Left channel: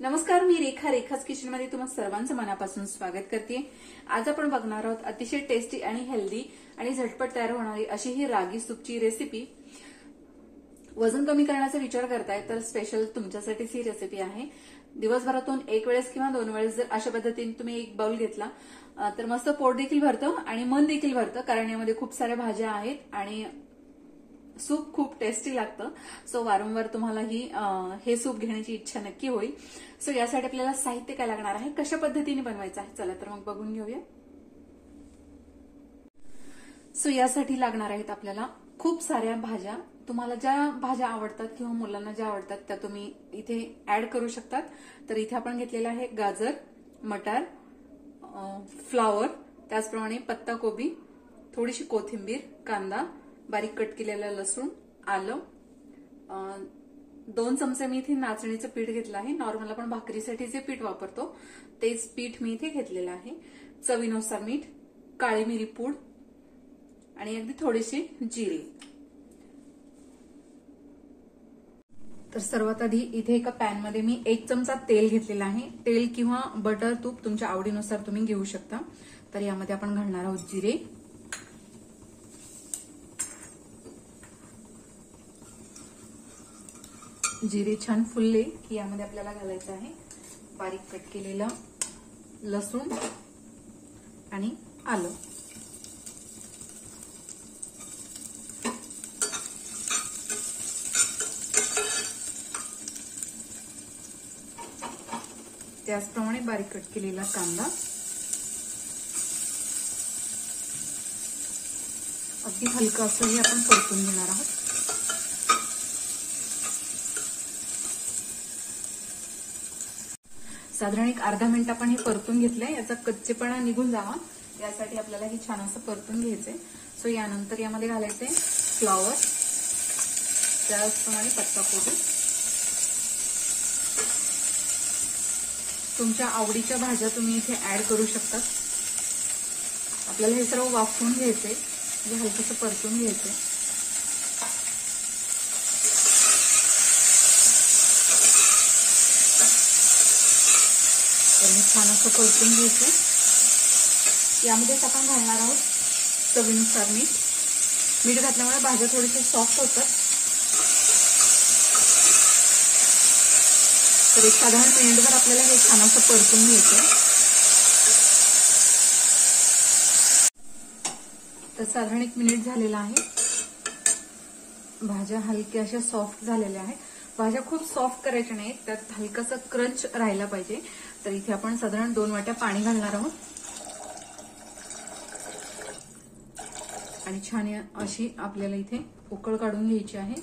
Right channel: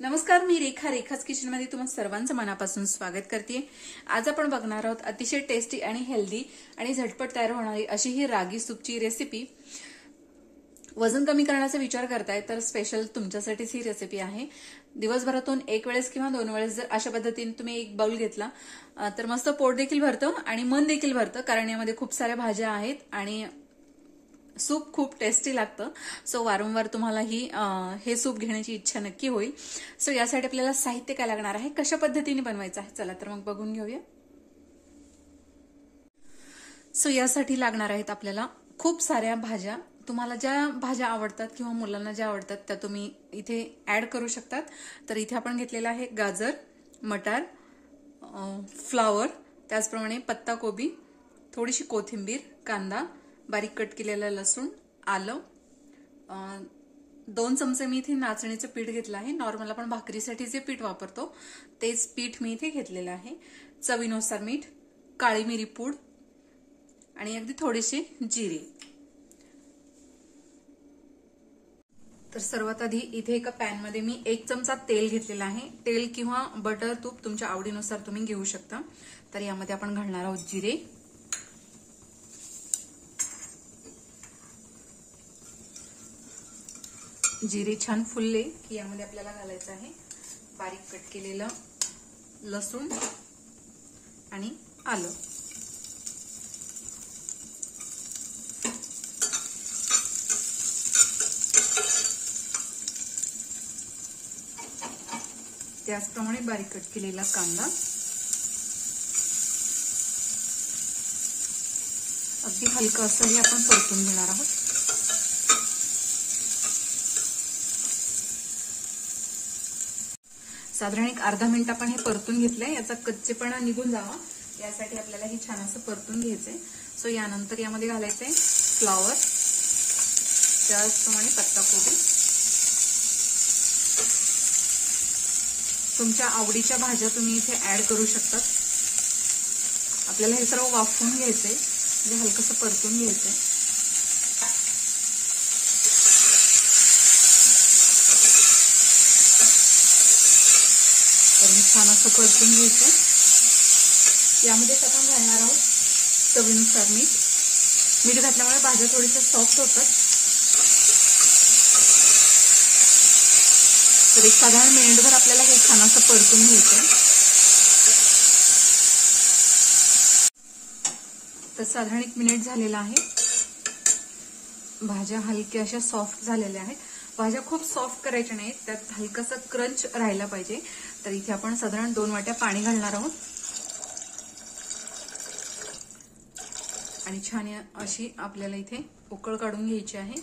नमस्कार, मी रेखाच किचन मध्ये तुम्हा सर्वांचं मनापासून स्वागत करते। आज आपण बघणार आहोत अतिशय टेस्टी आणि हेल्दी आणि झटपट तयार होणारी अशी ही रागी सूपची रेसिपी। वजन कमी करण्याचा विचार करताय तर स्पेशल तुमच्यासाठीच ही रेसिपी आहे। दिवसभरातून एक वेळेस किंवा दोन वेळेस जर अशा पद्धतीने तुम्ही एक बाउल घेतला तर मस्त पोट देखील भरतं आणि मन देखील भरतं, कारण यामध्ये खूप साऱ्या भाज्या आहेत आणि सूप खूप टेस्टी लागतं। सो वारंवार तुम्हाला हे सूप घेण्याची इच्छा नक्की होईल। सो यासाठी आपल्याला साहित्य काय लागणार आहे, कशा पद्धतीने बनवायचं आहे, चला तर मग बघून घेऊया। सो यासाठी लागणार आहेत आपल्याला खूप साऱ्या भाज्या। तुम्हाला ज्या भाज्या आवडतात किंवा मुलांना ज्या आवडतात त्या तुम्ही इथे ऍड करू शकतात। तर इथे आपण घेतलेला आहे गाजर, मटार, फ्लावर, त्याचप्रमाणे पत्ता कोबी, थोडीशी कोथिंबीर, कांदा, बारीक कट केलेला लसूण, आलं, 2 चमचे मी इथे नाचणीचं पीठ घेतलं आहे। नॉर्मल आपण भाकरीसाठी जे पीठ वापरतो तेच पीठ मी इथे घेतलेलं आहे। चवीनुसार मीठ, काळी मिरी पूड आणि अगदी थोडीशी जिरे। तर सर्वात आधी इथे एका पॅन मध्ये मी 1 चमचा तेल घेतलेला आहे। तेल किंवा बटर, तूप तुमच्या आवडीनुसार तुम्ही घेऊ शकता। तर यामध्ये आपण घालणार आहोत जिरे, जिरे छान फुलले की यामध्ये आपल्याला घालायचं आहे बारीक कट केलेलं लसूण आणि आलं। त्याचप्रमाणे बारीक कट केलेला कांदा, अगदी हलकं असं हे आपण परतून घेणार आहोत। साधारण एक अर्धा मिनिट आपण हे परतून घेतलंय, याचा कच्चेपणा निघून जावा यासाठी आपल्याला हे छान असं परतून घ्यायचंय। सो यानंतर यामध्ये घालायचंय फ्लावर, त्याचप्रमाणे पत्ता कोबी, तुमच्या आवडीच्या भाज्या तुम्ही इथे ऍड करू शकता। आपल्याला हे सर्व वाफवून घ्यायचंय, म्हणजे हलकसं परतून घ्यायचंय। तर हे छान असं परतून घ्यायचं। यामध्येच आपण घालणार आहोत चवीनुसार मीठ। मीठ घातल्यामुळे भाज्या थोड्याशा सॉफ्ट होतात। तर एक साधारण मिनिटभर आपल्याला हे छान असं परतून घ्यायचं। तर साधारण 1 मिनिट झालेला आहे। भाज्या हलक्या अशा सॉफ्ट झालेल्या आहेत। भाज्या खूप सॉफ्ट करायच्या नाहीत, त्यात हलकासा क्रंच राहायला पाहिजे। तर इथे आपण साधारण 2 वाट्या पाणी घालणार आहोत आणि छान अशी आपल्याला इथे उकळ काढून घ्यायची आहे।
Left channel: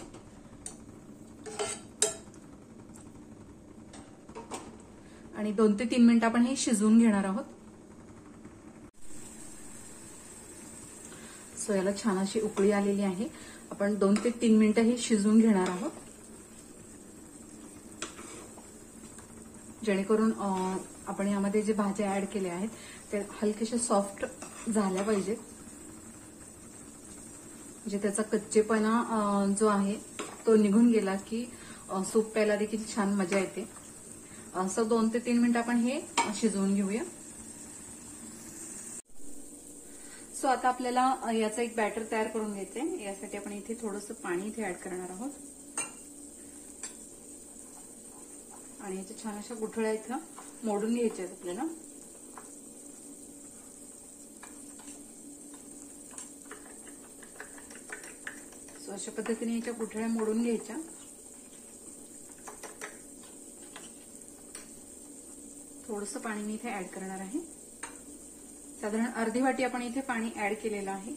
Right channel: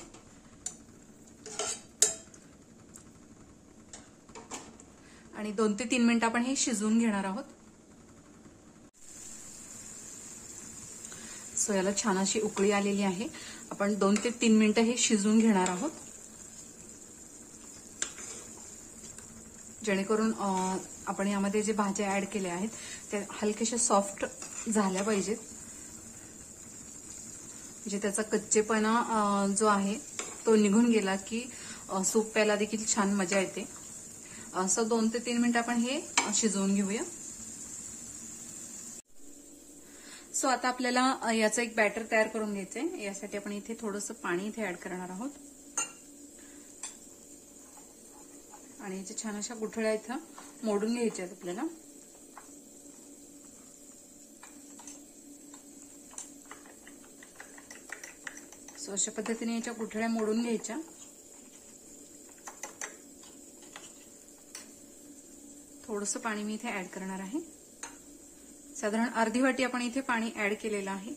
आणि 2 ते 3 मिनिट आपण हे शिजवून घेणार आहोत। सो याला छान अशी उकळी आलेली आहे। आपण 2 ते 3 मिनिटं हे शिजवून घेणार आहोत, जेणेकरून आपण यामध्ये जे भाज्या ऍड केल्या आहेत त्या हलकेशा सॉफ्ट झाल्या पाहिजेत, म्हणजे त्याचा कच्चेपणा जो आहे तो निघून गेला की सूप प्यायला देखील छान मजा येते। सो 2 ते 3 मिनिट आपण हे शिजवून घेऊया। सो आता आपल्याला याचा एक बॅटर तयार करून घ्यायचंय। यासाठी आपण इथे थोडंसं पाणी इथे ऍड करणार आहोत आणि याच्या छान अशा गुठळ्या इथं मोडून घ्यायच्या आहेत आपल्याला। सो अशा पद्धतीने याच्या गुठळ्या मोडून घ्यायच्या। थोडंसं पाणी मी इथे ऍड करणार आहे, साधारण अर्धी वाटी आपण इथे पाणी ऍड केलेलं आहे।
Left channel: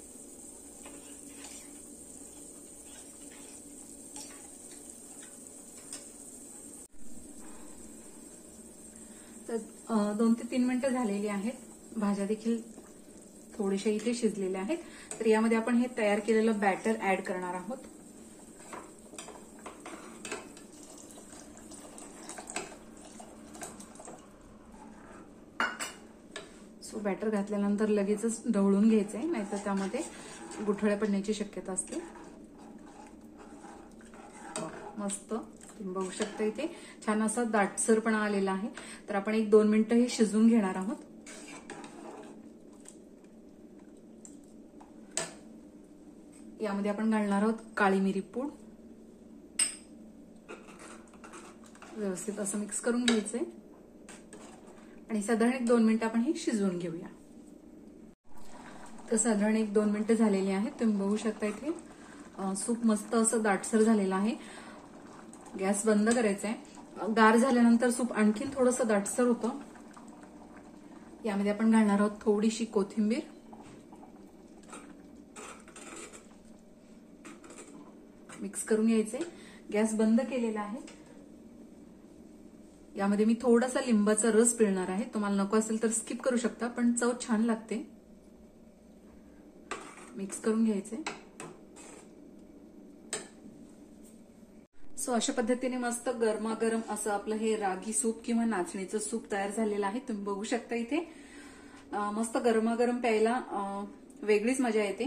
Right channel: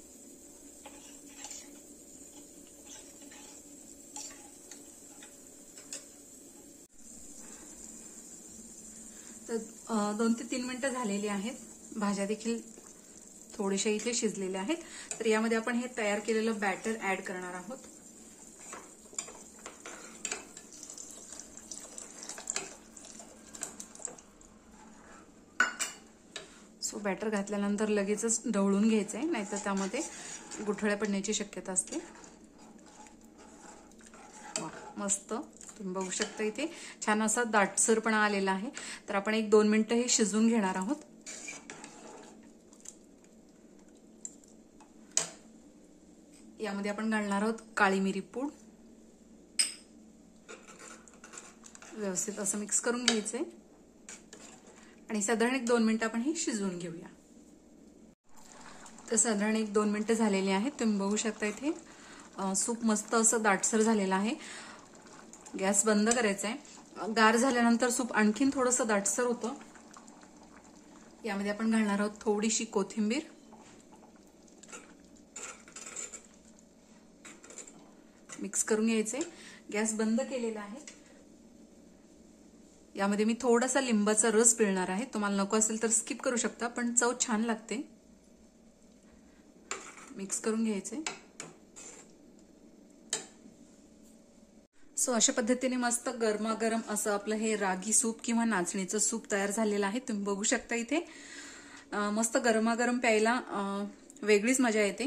तर 2 ते 3 मिनिटं झालेली आहेत। भाज्या देखील थोडीशा इथे शिजलेल्या आहेत। तर यामध्ये आपण हे तयार केलेलं बॅटर ऍड करणार आहोत। सो बॅटर घातल्यानंतर लगेचच ढवळून घ्यायचंय, नाहीतर त्यामध्ये गुठळ्या पडण्याची शक्यता असते। मस्त तुम्ही बघू शकता इथे छान असा दाटसरपणा आलेला आहे. तर आपण 1-2 मिनिटं हे शिजवून घेणार आहोत. यामध्ये आपण घालणार आहोत काळी मिरी पूड. व्यवस्थित असं मिक्स करून घ्यायचंय आणि साधारण 1-2 मिनिटं आपण हे शिजवून घेऊया. तर साधारण 1-2 मिनिटं झालेली आहेत. तुम्ही बघू शकता इथे सूप मस्त असं दाटसर झालेलं आहे. गॅस बंद करायचा आहे. गार झाल्यानंतर सूप आणखीन थोडंसं दाटसर होतं. यामध्ये आपण घालणार आहोत थोडीशी कोथिंबीर. मिक्स करून घ्यायचे. गॅस बंद केलेला आहे. यामध्ये मी थोडासा लिंबाचा रस पिळणार आहे. तुम्हाला नको असेल तर स्किप करू शकता, पण चव छान लागते. मिक्स करून घ्यायचे. सो अशा पद्धतीने मस्त गरमागरम असं आपलं हे रागी सूप किंवा नाचणीचं सूप तयार झालेलं आहे. तुम्ही बघू शकता इथे मस्त गरमागरम प्यायला वेगळीच मजा येते.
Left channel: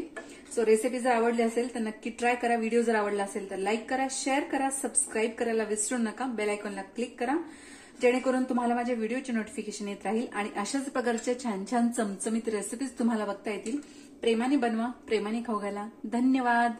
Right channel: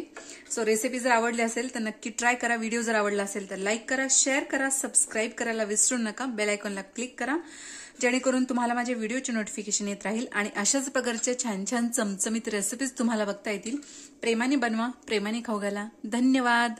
सो रेसिपी जर आवडली असेल तर नक्की ट्राय करा. व्हिडिओ जर आवडला असेल तर लाईक करा, शेअर करा, सबस्क्राईब करायला विसरू नका. बेल आयकॉनला क्लिक करा जेणेकरून तुम्हाला माझ्या व्हिडिओचे नोटिफिकेशन येत राहील आणि अशाच प्रकारच्या छान छान चमचमीत रेसिपीज तुम्हाला बघता येतील. प्रेमाने बनवा, प्रेमाने खाऊ घाला. धन्यवाद.